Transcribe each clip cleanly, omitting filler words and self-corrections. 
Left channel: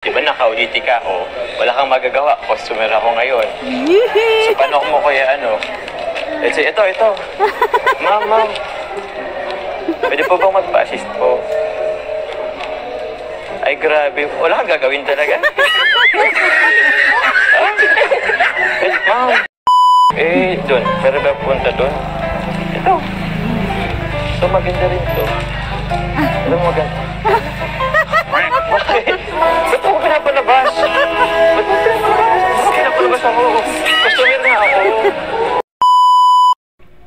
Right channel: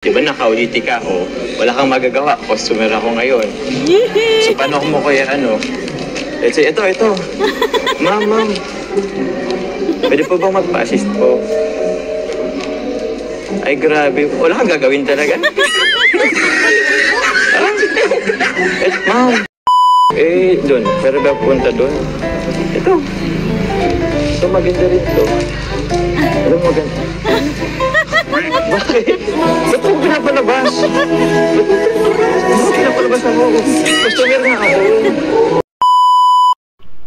Diba naka-OJT ka o wala kang magagawa, customer ako ngayon. So paano mo kaya ano? Let's say, ito. Ma'am. Pwede po bang magpa-assist po? Ay grabe, wala kang gagawin talaga. Ma'am. Doon. Pero ba punta doon? Ito. Ito maganda rin to. Ito maganda. Bakit? Ba't ako pinapalabas? Bakit pinapalabas ako? Customer na ako.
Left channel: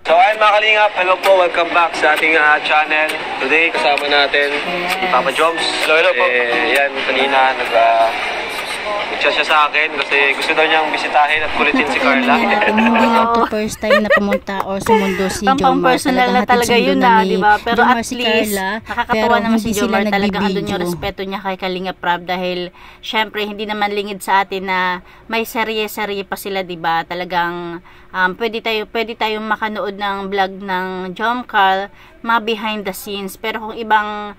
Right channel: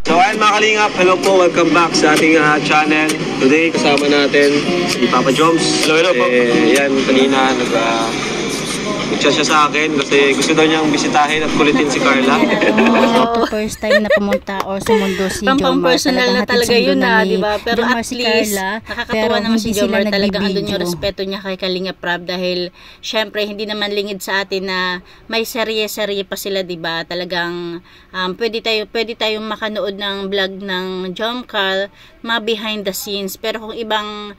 So ayun mga kalingap, hello po, welcome back sa ating channel. Today kasama natin si Papa Joms. Hello po. Yan, kanina nag-chat siya sa akin kasi gusto daw niyang bisitahin at kulitin si Carla. Ito first time na pumunta or sumundo si Jomar. Personal na talaga yun diba? Pero Jomar at si least, Carla, nakakatawa naman si Jomar. Talagang andun yung nagbibideo. respeto niya kay Kalinga Prab dahil syempre hindi naman lingid sa atin na may serye-serye pa sila diba? Talagang pwede tayong makanood ng vlog ng Jomcar, mga behind the scenes. Pero kung ibang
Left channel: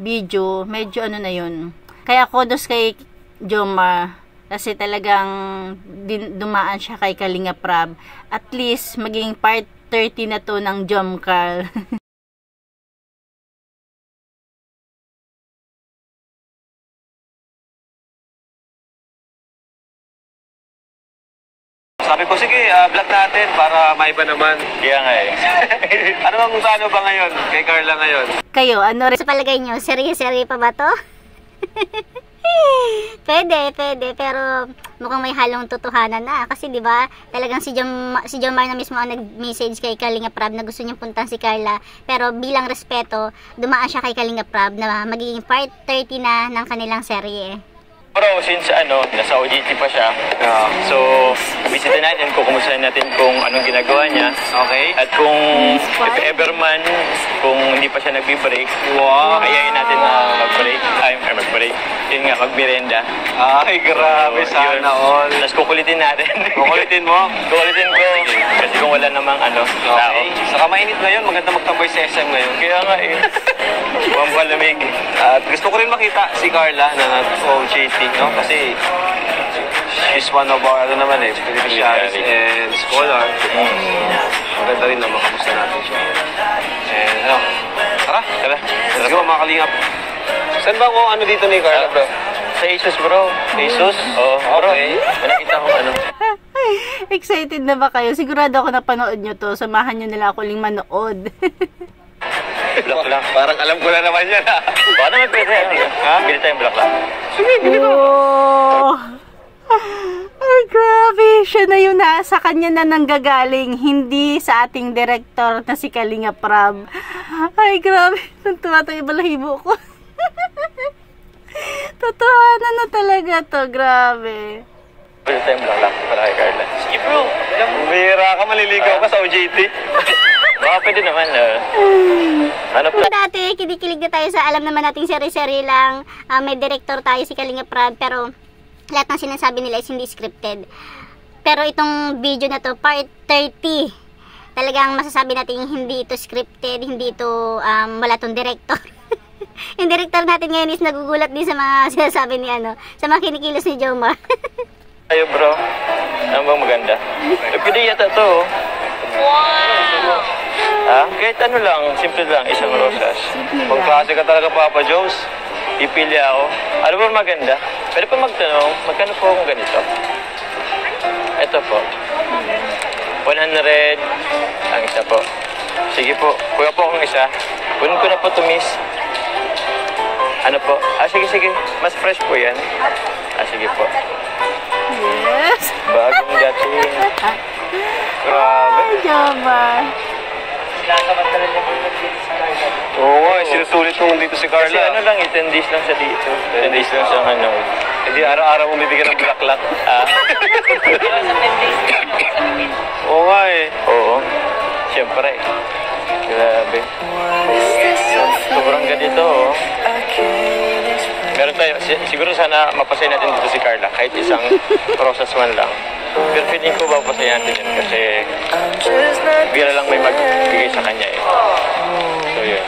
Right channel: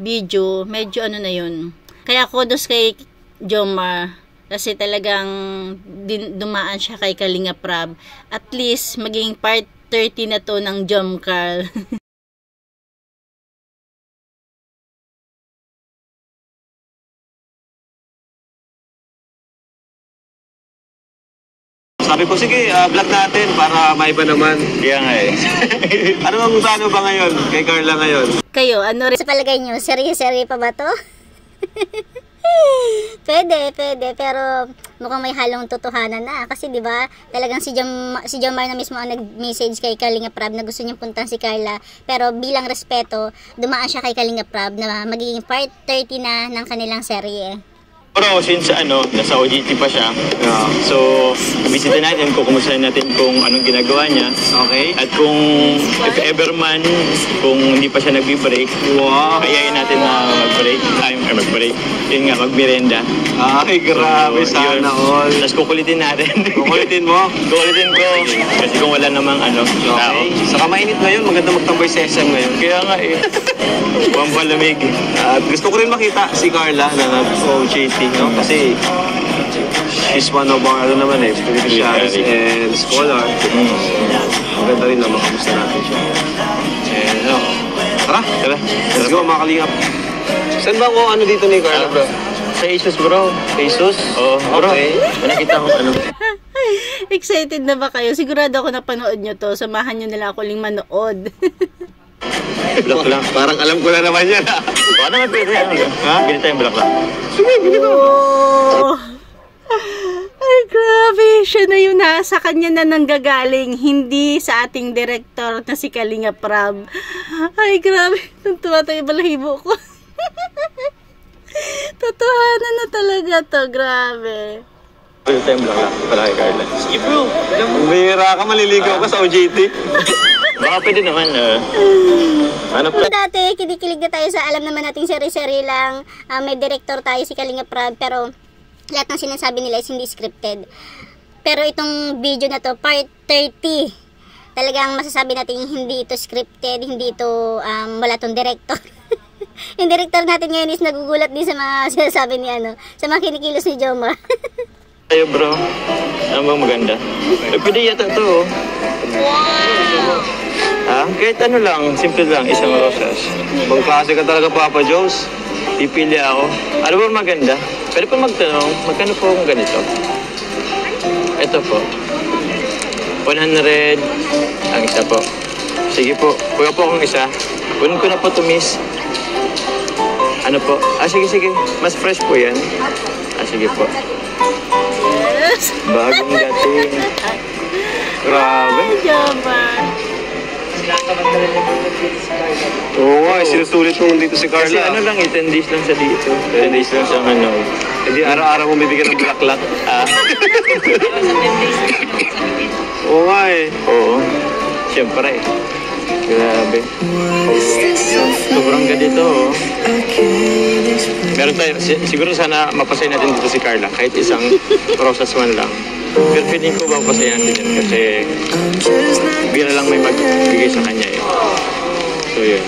video, medyo na yun. Kaya kudos kay Jomar kasi talagang dumaan siya kay Kalinga Prab. At least maging part 30 na to ng Jomcar. Sabi ko, sige, vlog natin para maiba naman. Kaya nga eh. Ano ba ngayon kay Carla ngayon? Kayo, ano rin? Sa palagay nyo, serye-serye pa ba to? Pwede, pero mukhang may halong totohanan na kasi 'di ba? Talagang si Jomar na mismo ang nag-message kay Kalinga Prab na gusto niyang puntahan si Carla, pero bilang respeto, dumaan siya kay Kalinga Prab na magiging part 30 na ng kanilang serye. Bro, since nasa OJT pa siya, so bisita natin, kukumustahin natin kung anong ginagawa niya. Okay. At kung if ever man, kung hindi pa siya nagbi-break, kayain natin na mag-break. Yun nga, mag-merienda. Ay, grabe, sana all. Tapos kukulitin natin. Kukulitin mo? Kukulitin ko. Kasi kung wala namang tao. Okay. Saka mainit ngayon, maganda magtambay sa SM ngayon. Kaya nga eh. Huwag palamig. At gusto ko rin makita si Carla na nag-OJT, no? Kasi she's one of our, beneficiaries and scholar. Maganda rin na makamusta natin siya. And tara. Let's go mga kalingap. Saan ba ang dito ni Carla, bro? Sa Asus, bro. Asus? Oo, bro. Okay. Nakita ko Excited na ba kayo? Sigurado ako napanood nyo to. Samahan nyo nila ako uling manood. Block lang. Parang alam ko na naman yan, ha? Baka naman pwede. Bili tayong block lang. Sige, bili ko. Oh. Ay, grabe. Siya na yun sa kanya na nanggagaling. Hindi sa ating director na si Kalinga Prab. Ay, grabe. Tuntua to yung balahibo ko. Totohanan na talaga to. Grabe. Bili tayong block lang. Para kay Carla. Sige bro. Bihira ka, maliligaw ka sa OJT. Baka pwede naman. Dati, kinikilig na tayo sa alam naman nating serye-serye lang. May director tayo si Kalinga Prab, pero lahat ng sinasabi nila is hindi scripted. Pero itong video na to, part 30, talagang masasabi natin hindi ito scripted, hindi ito wala tong director. Yung director natin ngayon is nagugulat din sa mga sinasabi ni sa mga kinikilos ni Jomar. Tayo bro. Ano bang maganda? Pwede yata to. Wow! Kahit lang, simple lang, isang rosas. Pang klase ka talaga, Papa Jones. Pipili ako. Ano ba maganda? Pwede pa magtanong, magkano po kung ganito? Ito po. 100 ang isa po. Sige po, kuha po akong isa. Kunin ko na po to, miss. Ano po? Sige. Mas fresh po yan. Sige po. Yes! Bagong dating. Grabe. Ay, Jomar. Oo nga, sinusulit mo dito si Carla. Kasi lang, 10 days lang sa dito. 10 days lang sa Hindi araw-araw mo bibigyan ng bulaklak. Oo nga eh. Oo. Siyempre. Grabe. Sobrang ganito, Meron tayo, siguro sana mapasayin natin dito si Carla. Kahit isang rosas man lang. Pero feeling ko papasayin natin yun kasi bigla lang may magbigay sa kanya eh. So yun.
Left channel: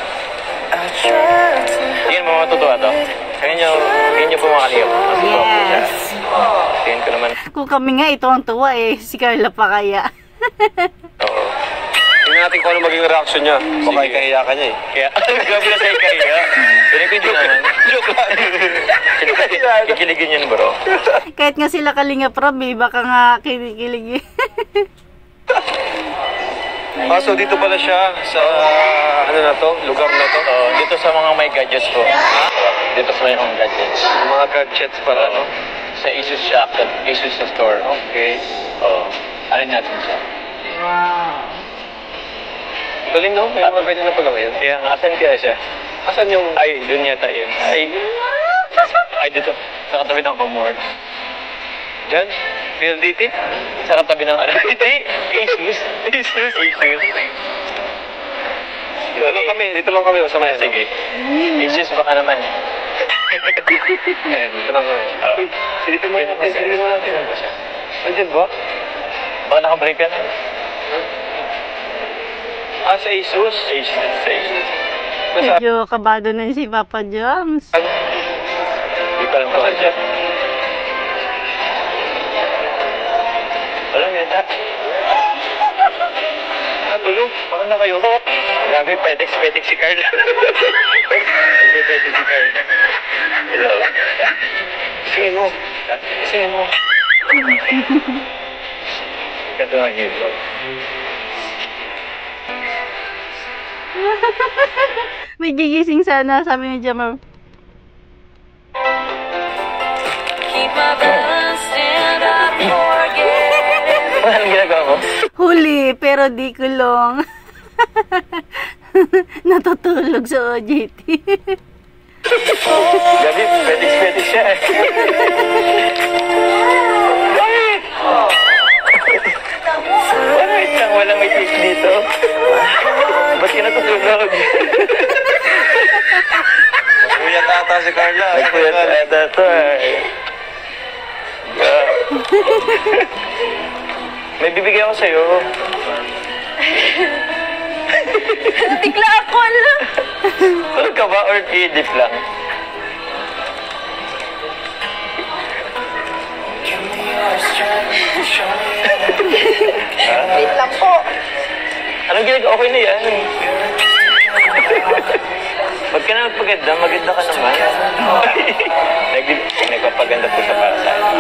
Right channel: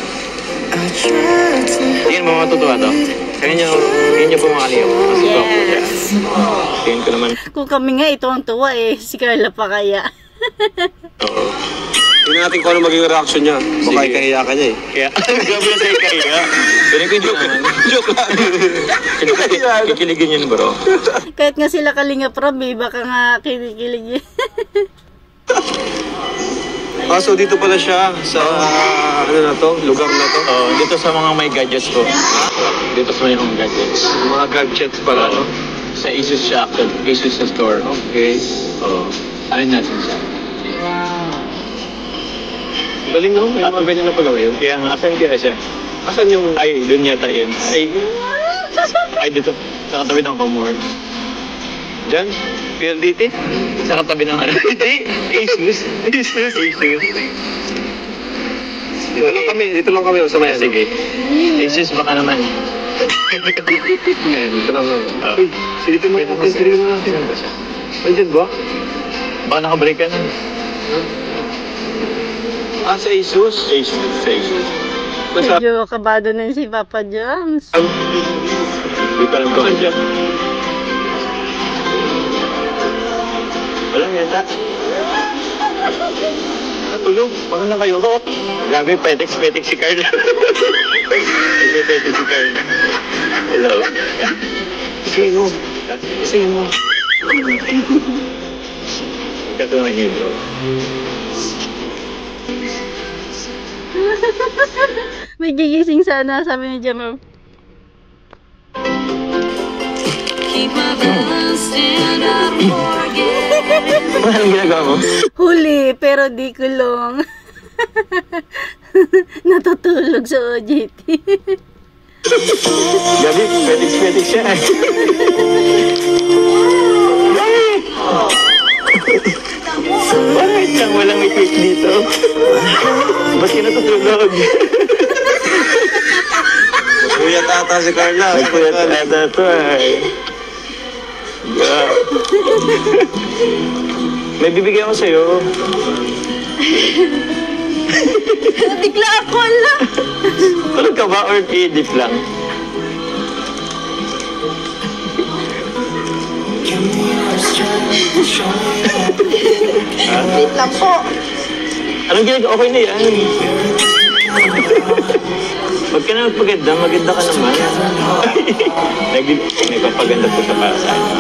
Tingin mo matutuwa to? Tingnan niyo po mga kalingap. Mas po siya. Tingnan ko naman. Kung kami nga, ito ang tuwa eh. Si Carla pa kaya. Oo. Tingnan natin kung ano maging reaction niya. Baka Sige. ikahiya ka niya eh. Kaya, gabi na sa'yo kaya. Pero ko joke naman. Joke lang. Kikiligin yun, bro. Kahit nga sila Kalinga Prab eh, baka nga kinikilig eh. So dito pala siya sa, ano na to, lugar na to. Oh, dito sa mga may gadgets po. Dito sa may home gadgets. Mga gadgets para ano. Sa Asus shop, Asus na store. Okay. Oo. Alin natin siya? Galing no? May mga ganyan na pala ngayon. Kaya nga, asan kaya siya? Asan yung... Ay, doon yata yun. Ay, dito. Sa katabi ng Comor. Diyan? PLDT? Sa katabi ng ano? Hindi. Asus. Asus. Dito lang kami sa may ano. Sige. Asus baka naman. Dito lang kami. Silipin mo natin. Silipin mo natin. Saan ba siya? Andyan ba? Baka nakabreak ka na. Sa Asus? Asus. Sa Asus. Medyo kabado na si Papa Joms. Hindi pa lang ko. Saan dyan? Wala yata. Tulog. Baka na kayo. Grabe, petex si Carla. Petex si Carla. Hello. Isingin mo. Isingin mo. Ito na yun, bro. May gigising sana, sabi ni Jamal. Keep my balance and I forget. Anong ginagawa mo? Huli, pero di kulong. Natutulog sa OJT. Gabi, petex siya. Bakit lang walang may click dito? Ba't ka natutulog? Kuya tata si Carla. Nagpuyat ata ito ay. May bibigay ako sa'yo. Natigla ako lang. Tulog ka ba or i-edit lang? Wait lang po. Anong ginagawa? Okay na yan. Huwag ka na magpaganda, maganda ka naman. Nagpapaganda po siya para sa akin.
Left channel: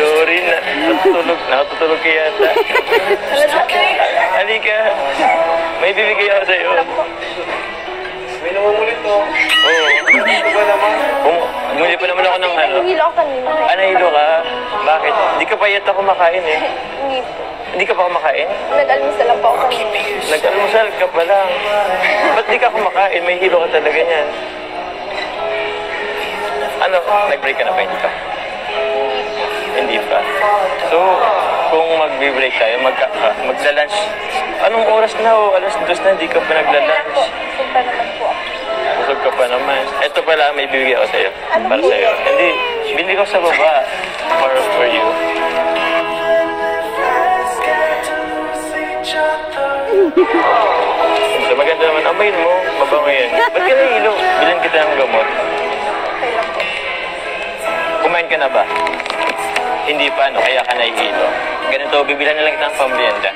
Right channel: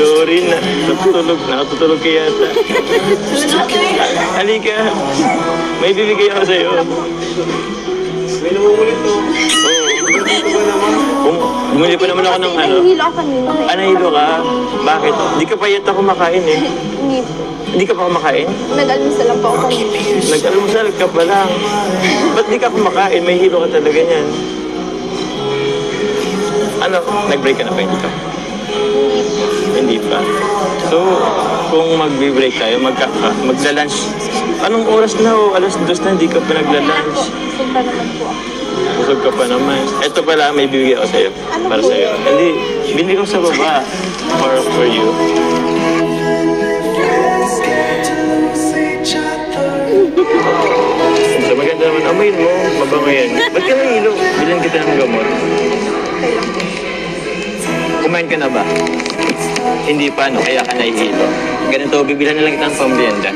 Sorry na, natutulog ka yata. Halika, may bibigay ako sa'yo. May namumulit to. Oo. Ito ba naman? Bumili pa naman ako ng ano. Nahihilo ako kanina. Nahilo ka? Bakit? Hindi ka pa yata kumakain eh. Hindi po. Hindi ka pa kumakain? Nag-almusal lang po ako kanina. Nag-almusal ka pa lang. Ba't di ka kumakain? May hilo ka talaga niyan. Ano? Nag-break ka na ba? Hindi pa? Hindi pa. So, kung mag-break tayo, magla-lunch. Anong oras na o? Alas 2 na, hindi ka pa nagla-lunch. Punta naman po ako. Busog ka pa naman. Ito pala, may bibigay ako sa'yo. Ano Para po sa'yo. yan? Hindi, bili ko sa baba. For you. So, maganda naman. Amayin mo. Mabango yan. Ba't ka nahilo? Bilhin kita ng gamot. Okay lang po. Kumain ka na ba? Hindi pa, no? Kaya ka nahihilo. Ganito, bibilan na lang kita ng pambienda.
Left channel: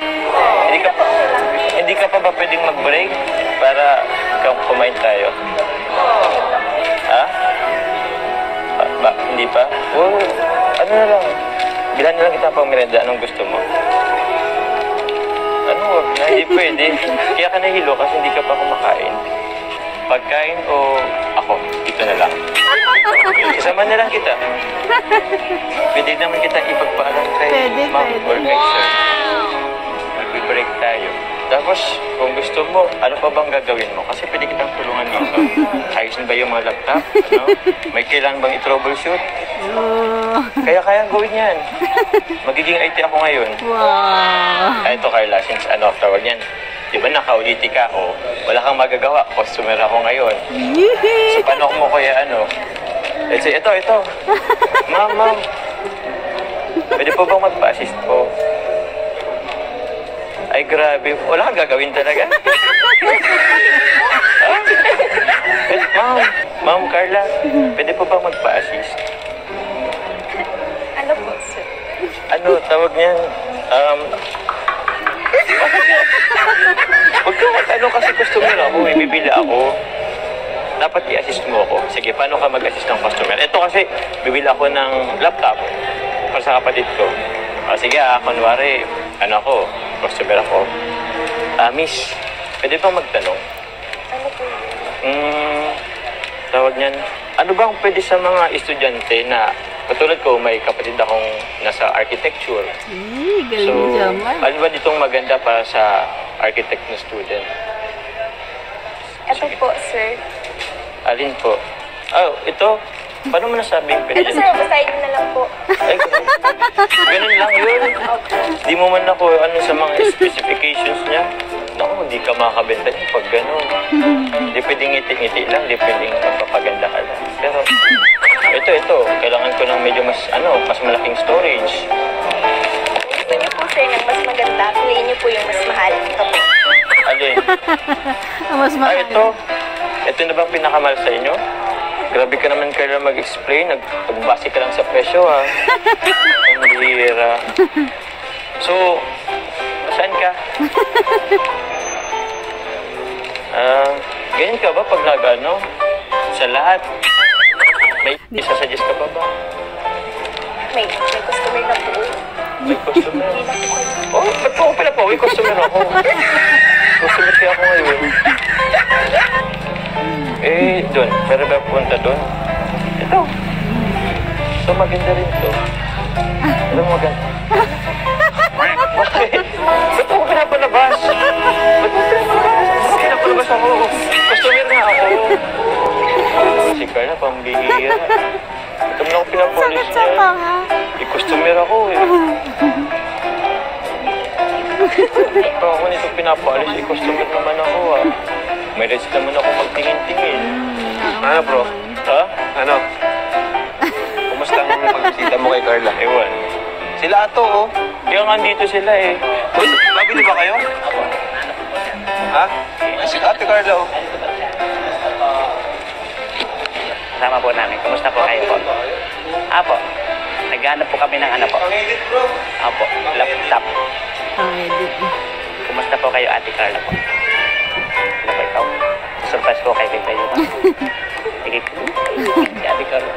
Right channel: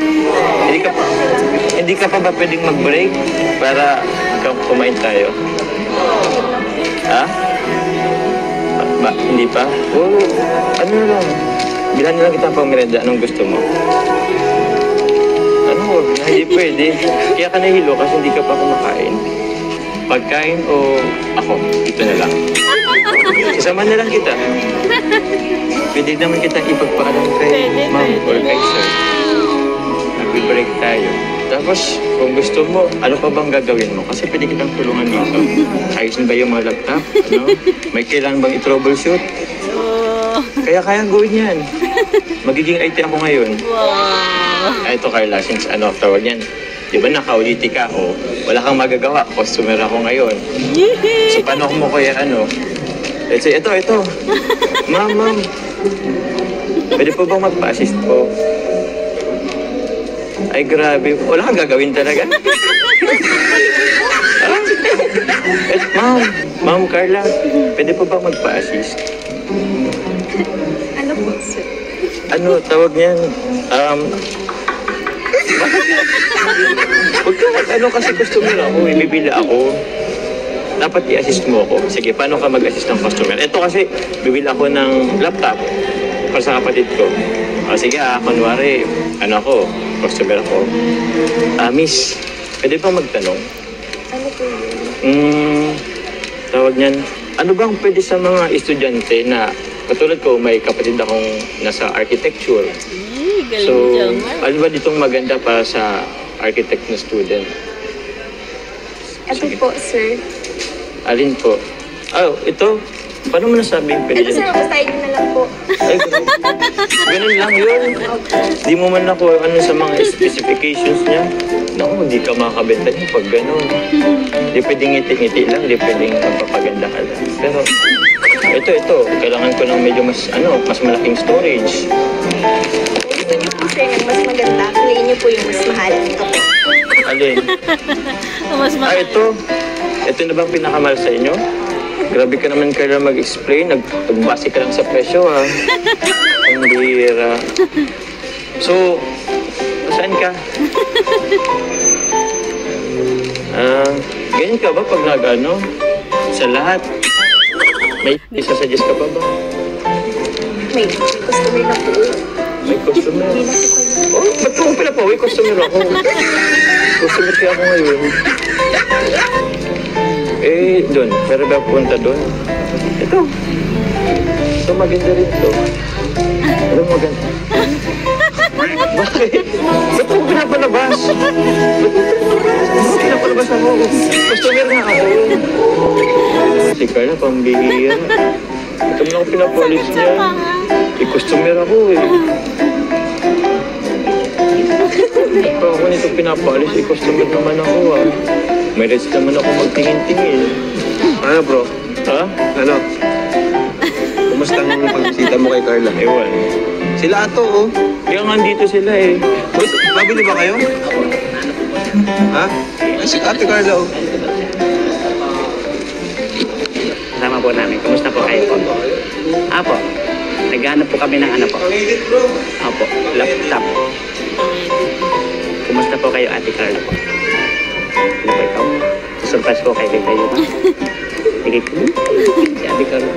Hindi ka pa ba pwedeng mag-break para kumain tayo? Ha? Hindi pa? Oh, ano na lang? Bilan na lang kita ng pambienda. Anong gusto mo? Ano, wag na. Hindi pwede. Kaya ka nahihilo kasi hindi ka pa kumakain. Pagkain o ako? Ito na lang. Kasama na lang kita. Pwede naman kita ipagpaalam kay ma'am or kay sir. Mag-break tayo. Tapos, kung gusto mo, ano pa bang gagawin mo? Kasi pwede kitang tulungan dito. Ayos na ba yung mga laptop? No? May kailangan bang i-troubleshoot? Kaya kayang gawin yan. Magiging IT ako ngayon. Wow. Ito Carla, since tawag yan. Di ba naka-OJT ka? O, wala kang magagawa. Customer ako ngayon. So, paano mo kaya let's say, ito. Ma'am. Pwede po bang magpa-assist po? Ay, grabe. Wala kang gagawin talaga. Ah? Ma'am Carla, pwede po ba magpa-assist? Ano po, sir? Ano, tawag niyan? Huwag ka ano kasi customer ako, bibili ako. Dapat i-assist mo ako. Sige, paano ka mag-assist ng customer? Ito kasi, bibili ako ng laptop para sa kapatid ko. Sige kunwari, customer ako. Miss, pwede bang magtanong? Ano po yun? Tawag niyan, ano bang pwede sa mga estudyante na katulad ko, may kapatid akong nasa architecture. Galing So, Jomar. alin ba ditong maganda para sa architect na student? Ito Sige. po, sir. Alin po? Ito. Paano mo nasabing pwede Ito, yan? sir, basahin niyo na lang po. Ay, ganun lang yun. Di mo man ako sa mga specifications niya. Naku, di ka makakabenta niya pag ganun. Di pwedeng ngiti-ngiti lang, di pwedeng magpapaganda ka lang. Pero, ito. Kailangan ko ng medyo mas malaking storage. Kung gusto niyo po, sir, ng mas maganda, piliin niyo po yung mas mahal. Ito po. Alin? Mas mahal. Ito. Ito na bang pinakamahal sa inyo? Grabe ka naman kaya mag-explain. Nagbase ka lang sa presyo, ha? Ang bihira. So, saan ka? Ganyan ka ba pag sa lahat? May isasuggest ka pa ba? May customer na po. May customer? Hindi na po kayo. Oh, ba't ko pala po? May customer ako. Customer kaya ako ngayon. Doon. Pero ba punta doon? Ito. Ito maganda rin ito. Ito maganda. Bakit? Ba't ako pinapalabas? Bakit pinapalabas ako? Customer nga ako. Si Carla, pambihira. Ito mo na ako pinapolis niya. Customer ako Ito ako nito pinapalis. Customer naman ako May rights naman ako magtingin-tingin. Ano bro? Ha? Ano? Kumusta ang pagbisita mo kay Carla? Ewan. Sila ato, oh. Kaya nga dito sila Boy, babili ba kayo? Ha? Ay, si Ate Carla, oh. Kasama po namin. Kumusta po kayo po? Apo. Naghahanap po kami ng po. Apo. Laptop. Kumusta po kayo, Ate Carla po? Ano po ikaw? Surprise po kayo kayo ba? Sige po. Si Ate Carla.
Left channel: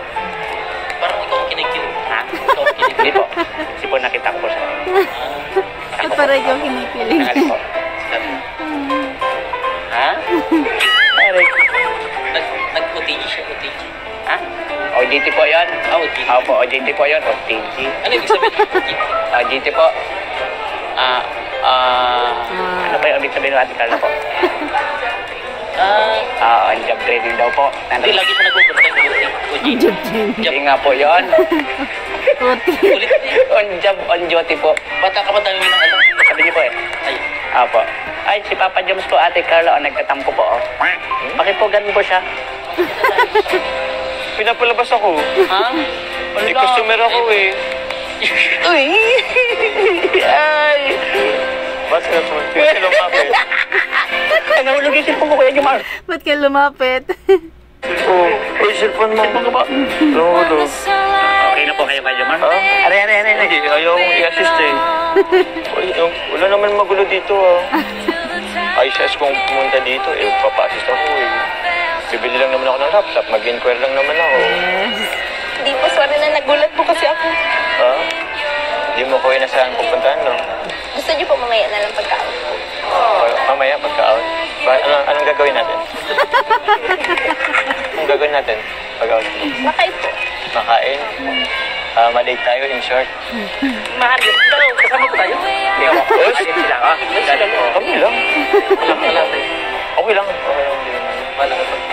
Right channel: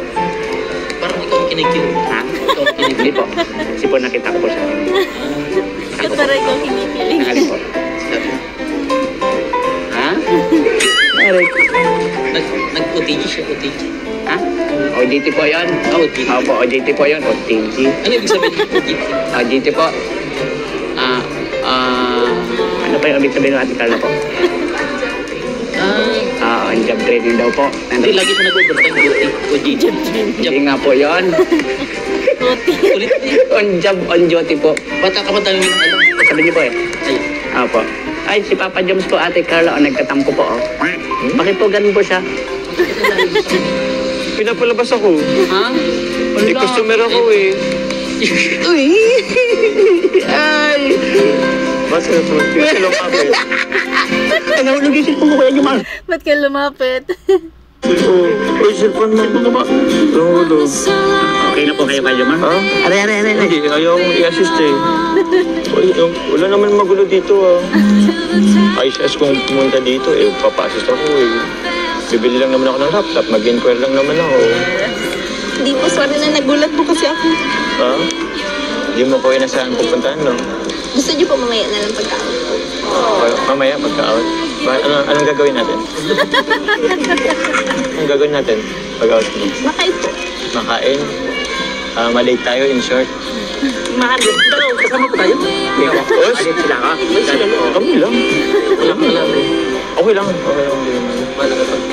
Parang ikaw ang kinikilig. Ha? Ikaw ang kinikilig. Hindi po. Kasi po nakita ko po siya. Bakit para ikaw kinikilig? Nangali po. Ha? Eric. Nag-OTG siya, OTG. Ha? OJT po yun? OTG. Opo, OJT po yun. OTG. Ano ibig sabihin ng OTG? OJT po. Ano pa yung ibig sabihin ng Ate Carla po? On job training daw po. Hindi, lagi siya nag-overtime. OTG. Hindi nga po yun. Ulit eh. On duty po. Bata ka ba tayo ng alam? Sabi niyo po Ayun. Opo. Ay, si Papa Joms po, Ate Carla, nagtatampo po, Bakit po ganun po siya? Pinapalabas ako. Ha? Customer ako Uy! Ay! Bakit na po? Bakit lumapit? Nahulog yung cellphone ko, Kuya Jomar. Ba't ka lumapit? Cellphone mo. Cellphone ka ba? Nahulog. Okay na po kayo, Kuya Jomar? Ha? Are. Hindi, ayaw akong i-assist Wala naman magulo dito Ayos kung pumunta dito papaassist ako Bibili lang naman ako ng laptop, mag-inquire lang naman ako. Hindi po, sorry na nagulat po kasi ako. Ha? Hindi mo ko inasahan pupuntahan, no? Gusto niyo po mamaya na lang pagkaon po. Mamaya, pagka-out. Anong gagawin natin? Anong gagawin natin pag-out mo? Makain po. Makain? Malate tayo, in short. Mahal. Pero kasama ko tayo. Hindi ako. Alit sila ka? Kami lang. Okay lang. Din naman.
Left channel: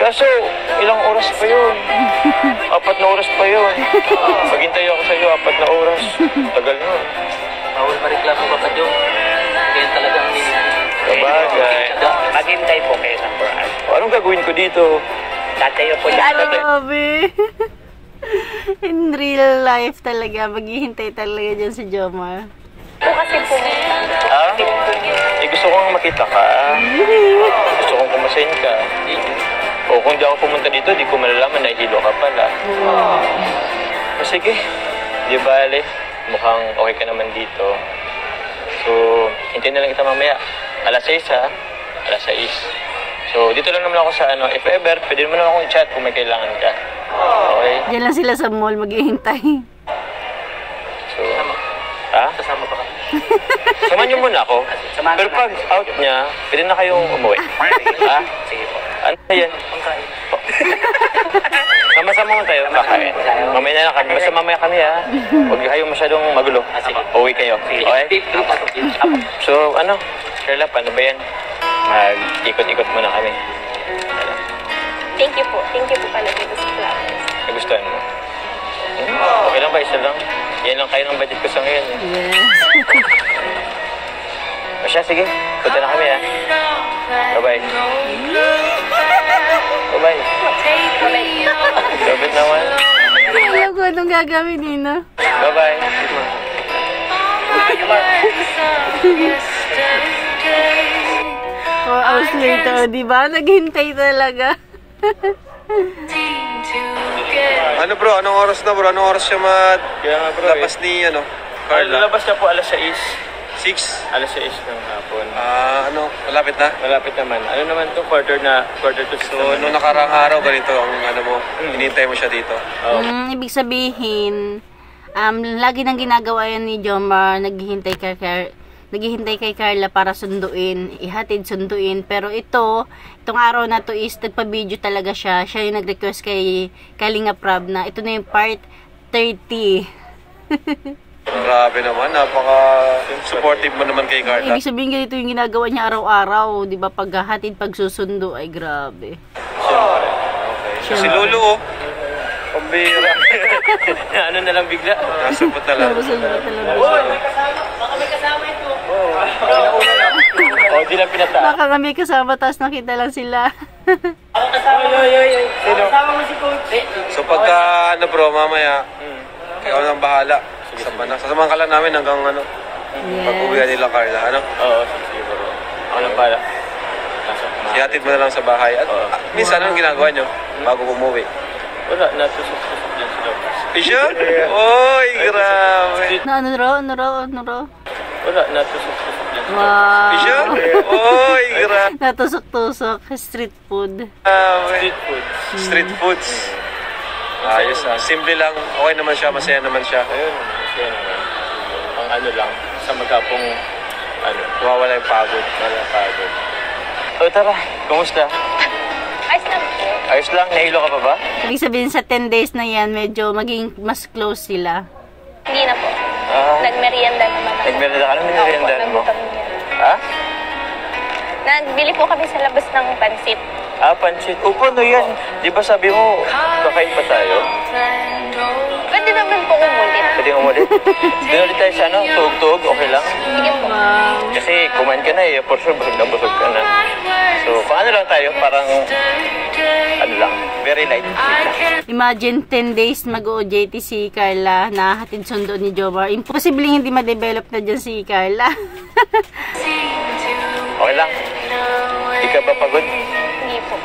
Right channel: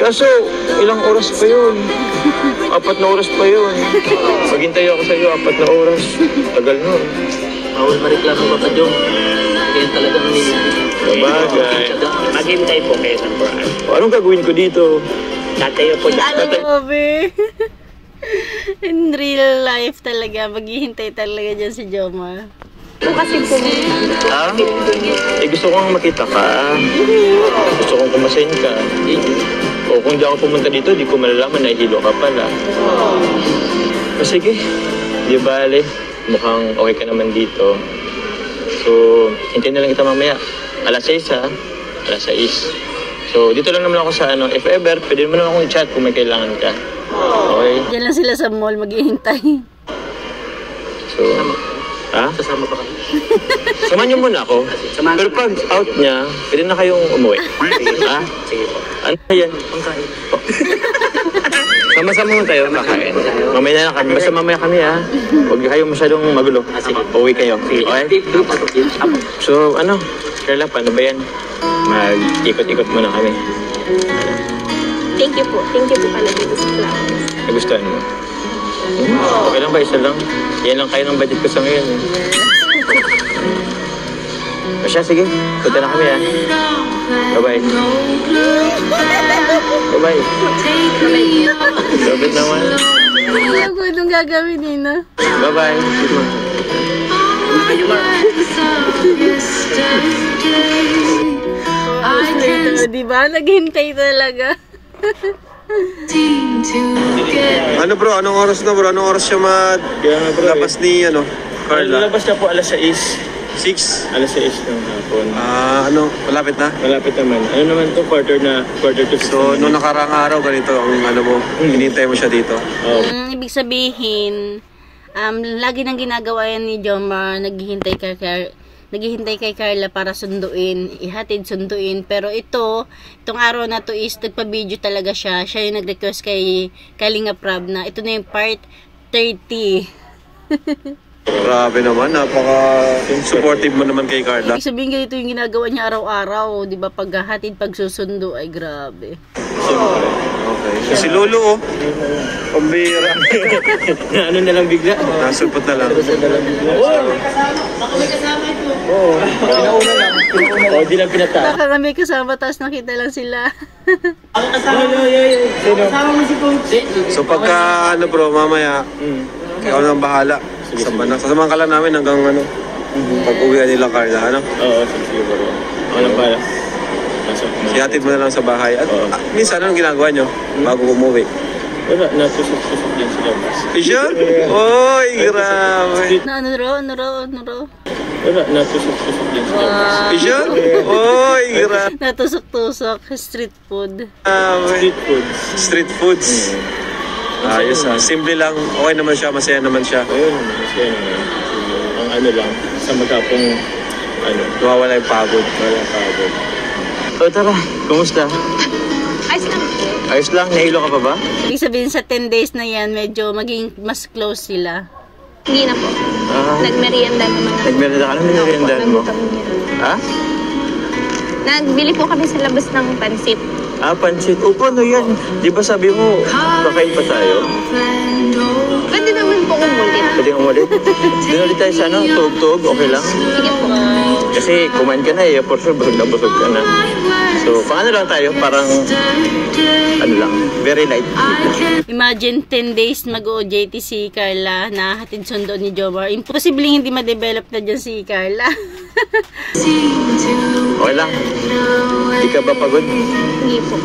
Kaso, ilang oras pa yun? 4 na oras pa yun. Maghintay ako sa'yo, 4 na oras. Tagal nun. Bawal mareklamo ka pa, Jom. Kaya talagang Sabagay. Maghintay po kayo ng 4 hours. Anong gagawin ko dito? Tatayo po dyan. Grabe. In real life talaga, maghihintay talaga dyan si Jomar. Bukas din pumunta. Ha? Eh, gusto kong makita ka. Gusto kong kumasayin ka. O kung di ako pumunta dito, di ko malalaman na hilo ka pala. O sige, di bale. Mukhang okay ka naman dito. So, hintayin na lang kita mamaya. Alas 6 ha? Alas 6. So, dito lang naman ako sa ano. If ever, pwede mo naman akong i-chat kung may kailangan ka. Okay? Diyan lang sila sa mall maghihintay. So, ha? Sasama pa kami. Samahan niyo muna ako. Samahan Pero pag out niya, pwede na kayong umuwi. Ha? Sige po. Ano yan? Pangkain. Sama-sama mo tayo kakain. Mamaya na kami. Basta mamaya kami ha. Huwag kayong masyadong magulo. Sige. Uwi kayo. Okay? So, ano? Carla, paano ba yan? Mag-ikot-ikot muna kami. Thank you po. Thank you po pala dito sa flowers. Nagustuhan mo? Okay lang ba? Isa lang? Yan lang kayo ng budget ko sa ngayon. Eh. O siya, sige. Punta na kami ha. Bye-bye. Bye-bye. Love it naman. Alam ko anong gagawin nina. Bye-bye. 4 hours later, di ba? Naghintay talaga. Ano bro? Anong oras na bro? Anong oras siya Kaya nga bro labas ni Carla? Lalabas na po alas 6. 6? Alas 6 ng hapon. Ano? Malapit na? Malapit naman. Ano naman to? Quarter to 6. So, nung nakaraang araw, ganito ang ano mo, hinintay mo siya dito. Ibig sabihin, lagi nang ginagawa yan ni Jomar, naghihintay kay Carla para sunduin, ihatid sunduin. Pero itong araw na to is nagpa-video talaga siya. Siya yung nag-request kay Kalinga Prab na ito na yung part 30. Grabe naman, napaka-supportive mo naman kay Carla. Ibig sabihin ganito yung ginagawa niya araw-araw, di ba? Paghahatid, pagsusundo, ay grabe. Okay. So si Lolo, pambira. Ano na lang bigla? Nasupot na lang. O, di lang pinata. Baka kami kasama, tapos nakita lang sila. So pagka, bro, mamaya, ikaw nang bahala. Sasamahan ka lang namin hanggang pag-uwian nila Carla, ano? Oo, sige bro. Ako lang pala. Ihatid mo na lang sa bahay. At minsan, anong ginagawa nyo bago umuwi? Wala, natusok-tusok din sa labas. Siya? Oy, grabe. Na ano raw? Wala, natusok-tusok din sa labas. Wow. Siya? Oy, grabe. Natusok-tusok, street food. Street food. Street foods. Ayos simple lang. Okay naman siya, masaya naman siya. Ayun, masaya naman. Ang ano lang, sa magkapong Nawawala yung pagod. walang pagod. O tara, kumusta? Ayos lang po. Ayos lang, nahilo ka pa ba? Ibig sabihin sa 10 days na yan, medyo maging mas close sila. Hindi na po. Nagmerienda naman ako. Nagmerienda ka? Anong meriendahan mo? Ha? Nagbili po kami sa labas ng pansit. Pansit. O, paano yan? Di ba sabi mo, kakain pa tayo? Pwede naman po umulit. Pwede umulit? Doon ulit tayo sa tug-tug, okay lang? Sige po. Kasi kumain ka na eh, for sure busog ka na. So, paano lang tayo? Parang, very light. Imagine 10 days mag-OJT si Carla na hatid sundo ni Jomar. Imposible hindi ma-develop na dyan si Carla. Okay lang. Di ka ba pagod? Hindi po.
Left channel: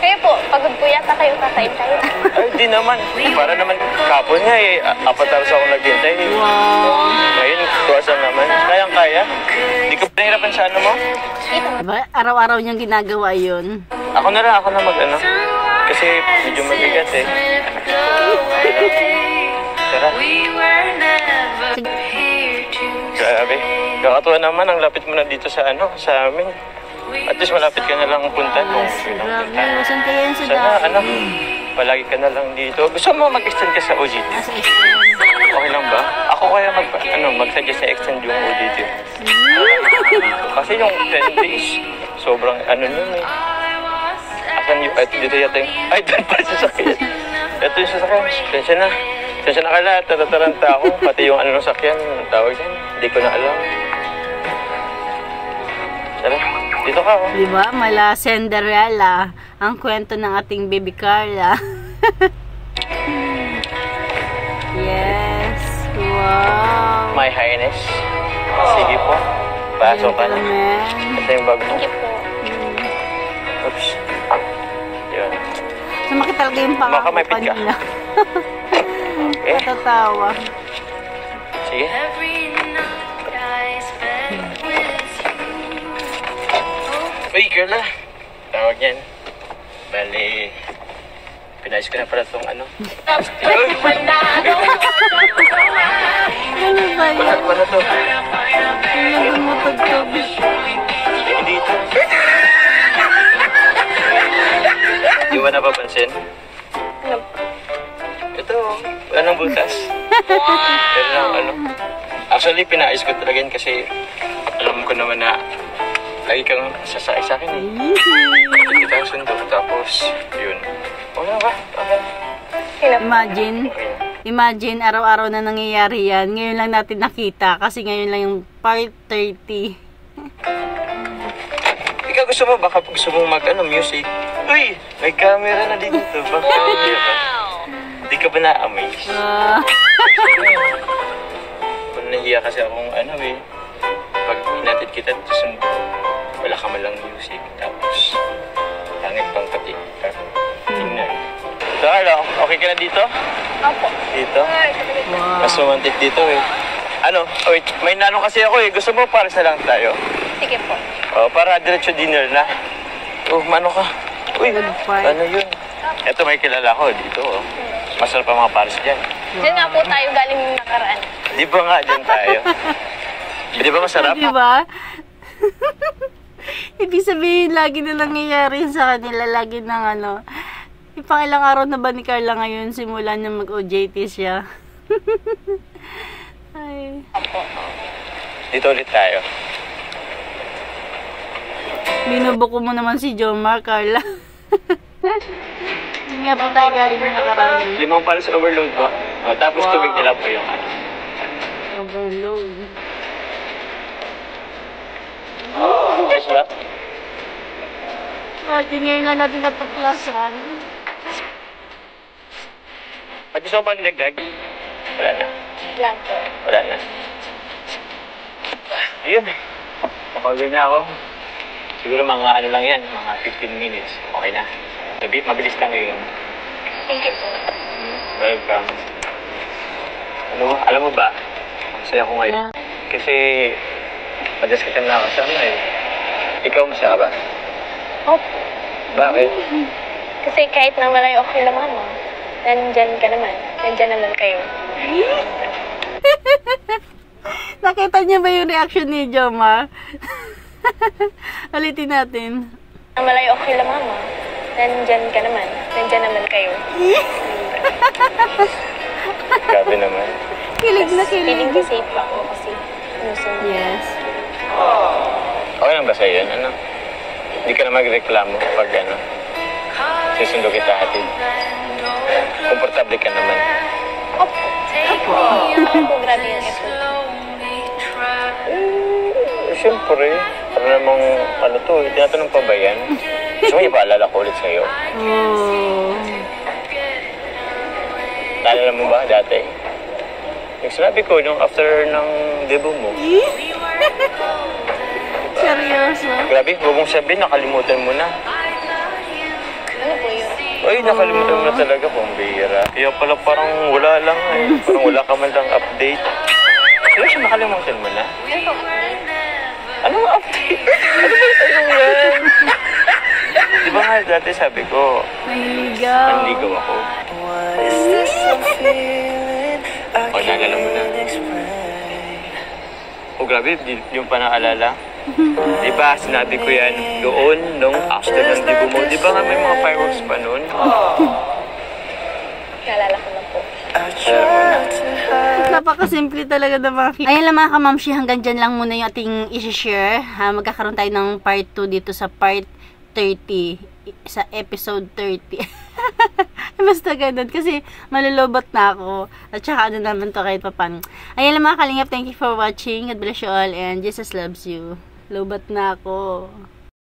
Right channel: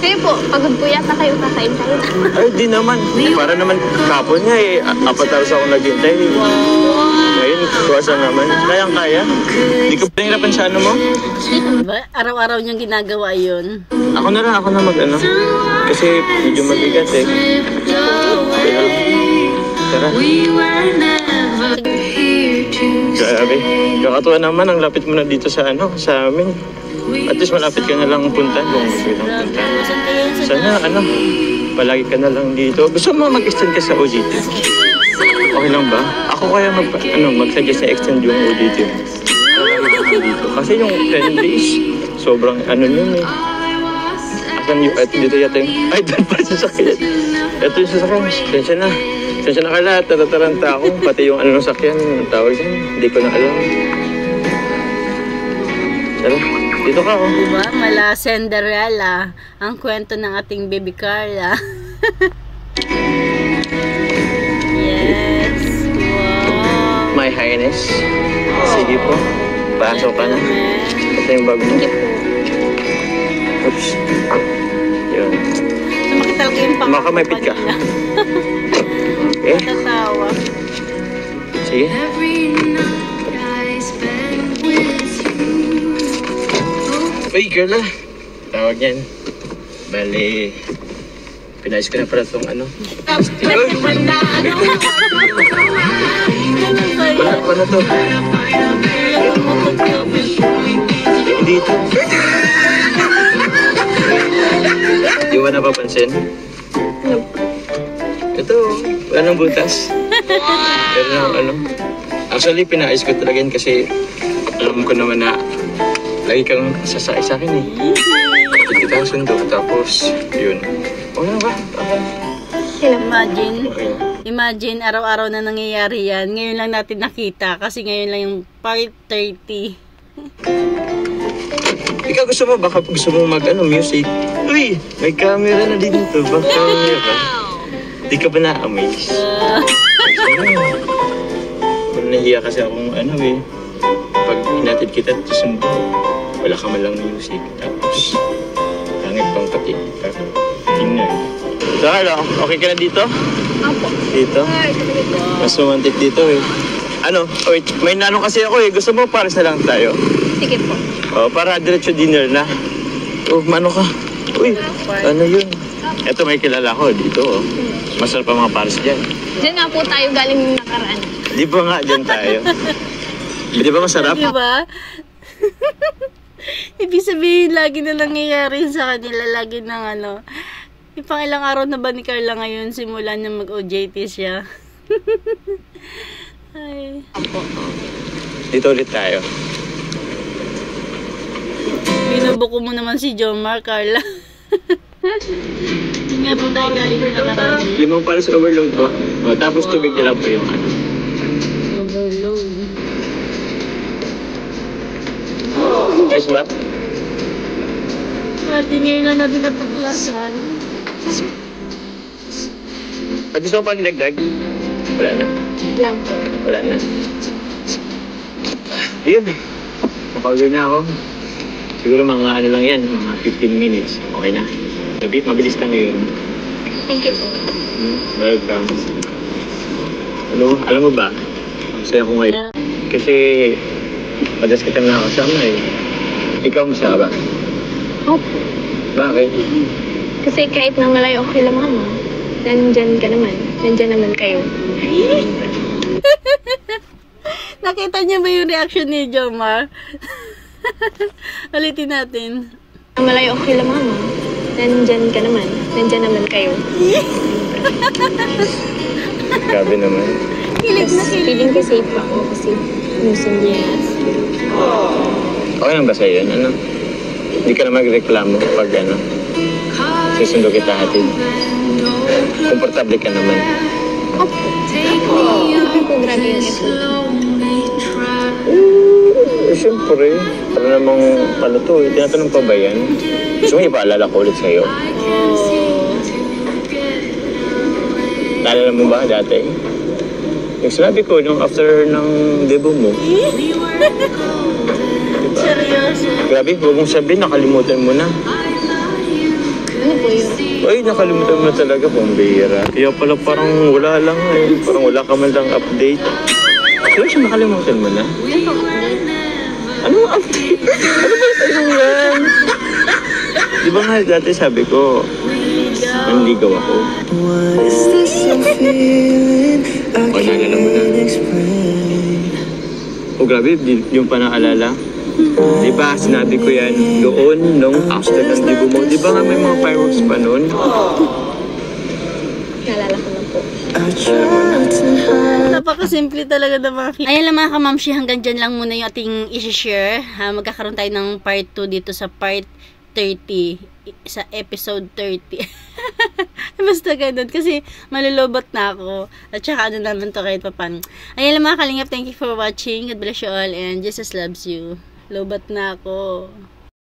Kayo po, pagod po yata kayo, kakain tayo. Ay, di naman. Para naman kapon nga eh. 4 hours ako naghintay. Ngayon, 2 hours naman. Kayang-kaya. Di ka pinahirapan sa ano mo? Diba? Araw-araw niyang ginagawa yun. Ako na mag-ano. Kasi medyo mabigat eh. Tara. Grabe. Kakatuwa naman, ang lapit mo na dito sa amin. At least malapit ka na lang punta kung gusto lang punta. Saan kayo sa Sana, palagi ka na lang dito. Gusto mo mag-extend ka sa OJT? Okay lang ba? Ako kaya mag-suggest na extend yung OJT. Dito. Kasi yung 10 days, sobrang nun eh. Asan yung, dito yata yung, ay, doon pa yung sasakyan. Ito yung sasakyan. Sensya na ka lahat, natataranta ako. Pati yung ng sakyan, tawag yan. Hindi ko na alam. Tara, dito ka oh. Diba? Mala Cinderella. Ang kwento ng ating baby Carla. Yes. Wow. My Highness. Sige po. Pasok ka na. Ito yung bag mo. Thank you po. Oops. Yun. Sumakit talaga yung pangako Makamipit ka. kanina. Okay. Natatawa. Sige. Uy, girl ah. Tawag yan. Bali, pinayos ko na pala itong ano. Wala to. Hindi ito. Di ba napapansin? Ito, wala nang butas. Pero nang ano. Actually, pinayos ko talaga yun kasi alam ko naman na lagi kang sasakay sa akin eh. Kita ang sundo. Tapos, yun. Wala ba? Okay. Imagine, araw-araw na nangyayari yan. Ngayon lang natin nakita kasi ngayon lang yung part 30. Ikaw gusto mo, baka gusto mong music. Uy, may camera na din dito. Baka meron. Di ka ba na-amaze? Nahiya kasi akong pag hinatid kita dito sundo, wala ka man lang music. Tapos, pangit pang pati. Tingnan. So, hello, okay ka na dito? Opo. Dito? Mas romantic dito eh. Wait, may nanong kasi ako eh. Gusto mo pares na lang tayo? Sige po. Para diretso dinner na. Mano ka? Uy, ano yun? Eto may kilala ko dito. Masarap pa mga pares dyan. Diyan nga po tayo galing nakaraan. Di ba nga dyan tayo? Di ba masarap? Di ba? Ibig sabihin, lagi na nangyayari sa kanila. Lagi ng pang ilang araw na ba ni Carla ngayon simula niya mag-OJT siya? Ay. Dito ulit tayo. Binubuko mo naman si Jomar, Carla. Hindi nga po tayo galing na nakaraan. 5 pares overload po. Tapos tubig nila po yung Overload. Yes, ba? Ngayon lang natin napaklasan. Pag gusto mo pang dagdag? Wala na. Lang po. Wala na. Ayun. Mapagod na ako. Siguro mga lang yan, mga 15 minutes. Okay na. Sabi, mabilis lang yun. Thank you po. Welcome. Alam mo ba? Masaya ko ngayon. Kasi, madas kita na kasama eh. Ikaw masaya ba? Opo. Bakit? Kasi kahit na malayo ako kila mama, nandyan ka naman. Nandyan naman kayo. Nakita niya ba yung reaction ni Jomar? Ulitin natin. Na malayo ako kila mama, nandyan ka naman. Nandyan naman kayo. Grabe naman. Kilig na kilig. Feeling ko safe ako kasi nusundo yan. Okay lang ba sa'yo yun? Hindi ka na magreklamo pag susundo kita hatid. Komportable ka naman. Opo. Opo, grabe yung effort. Siyempre, para namang tinatanong pa ba yan? Gusto mo ipaalala ko ulit sa'yo? Naalala mo ba dati? Yung sinabi ko, nung after ng debut mo. Seryoso. Grabe, huwag mong sabihin, nakalimutan mo na. Ano po yun? Ay, nakalimutan mo na talaga, pambihira. Kaya pala parang wala lang eh. Parang wala ka man lang update. Seryoso, nakalimutan mo na? Anong update? Ano ba yung yan? Di ba nga dati sabi ko, manligaw ako. O, naalala mo na. O, grabe, yung pa naalala. Di ba, sinabi ko yan doon nung after ng debut mo. Di ba nga may mga fireworks pa noon? Naalala ko lang po. Napakasimple talaga na mga ayan lang mga kamamshi, hanggang dyan lang muna yung ating isi-share. Magkakaroon tayo ng part 2 dito sa part 30. Sa episode 30. Basta ganun. Kasi malulobot na ako. At saka naman to kahit papan. Ayan lang mga kalingap. Thank you for watching. God bless you all. And Jesus loves you. Lobat na ako.